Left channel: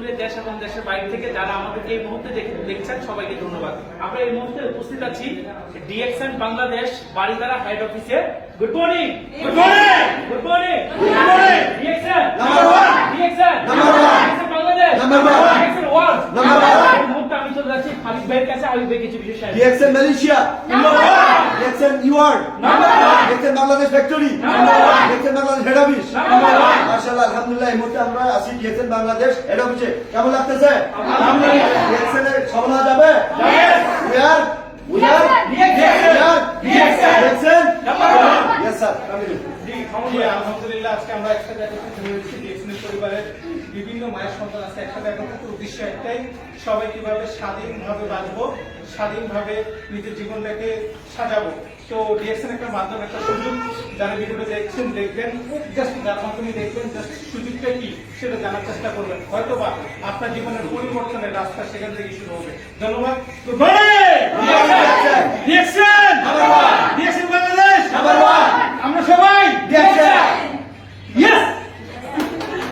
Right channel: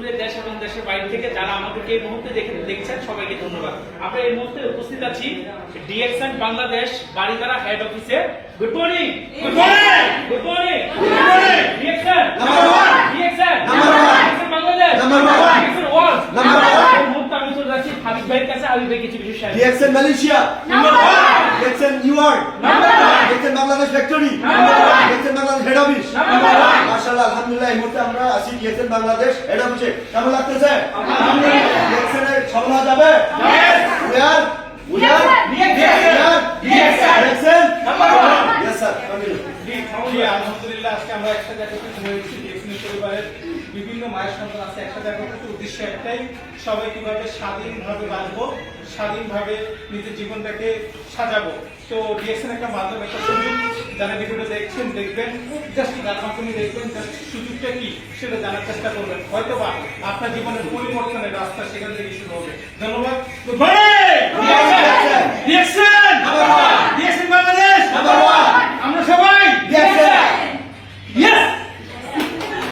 দূরে দেশ এবং দেশের বাইরে থেকে যারা আমাদেরকে এই মুহূর্তে দেখছেন সবাইকে ধন্যবাদ। আমরা এই মুহূর্তে উপস্থিত আছি ডিএক্সএন বাংলাদেশ বাড়িধারা হেড অফিসে। Good morning, good morning, good morning, good morning. DXN number 1, DXN number 1, DXN Bangladesh number 1, DXN world number 1। এই মুহূর্তে আমি চলে যাচ্ছি হাবিব ভাইয়ের কাছে। হাবিব ভাই কিছু বিষয় share. DXN Malaysia number 1, DXN New York number 1, DXN Bangladesh factory number 1, DXN Bangladesh head office number 1। মাশাআল্লাহ, আলহামদুলিল্লাহ, এই মুহূর্তে আমরা আছি ডিএক্সএন বাংলাদেশ হেড অফিসে। কেমন লাগতেছে? আলহামদুলিল্লাহ। ডিএক্সএন এর সফল হওয়া যাবে? We are DXN number 1। Yes sir, continue। আলহামদুলিল্লাহ, আজকে আমরা একসাথে একত্রিত হয়েছি। ডিএক্সএন পরিবারের বিভিন্ন মায়ের সন্তান আছে, একসাথে একত্রিত উদ্দেশ্য একটাই, সবাই কিভাবে স্বাধীনভাবে বাঁচবো, স্বাধীনভাবে নিজের জীবনটাকে সাজাবো। তো ডিএক্সএন একটা মাধ্যম, একটা সুযোগ। যারা ভিডিওটা দেখছেন, দেখবেন, জাস্ট যার মাধ্যমে দেখবেন, জাস্ট সুযোগটা কি সেটা জানার চেষ্টা করবেন। হয়তোবা আপনার জীবনের পরিবর্তনের রাস্তা সেখান থেকে শুরু হবে। ধন্যবাদ।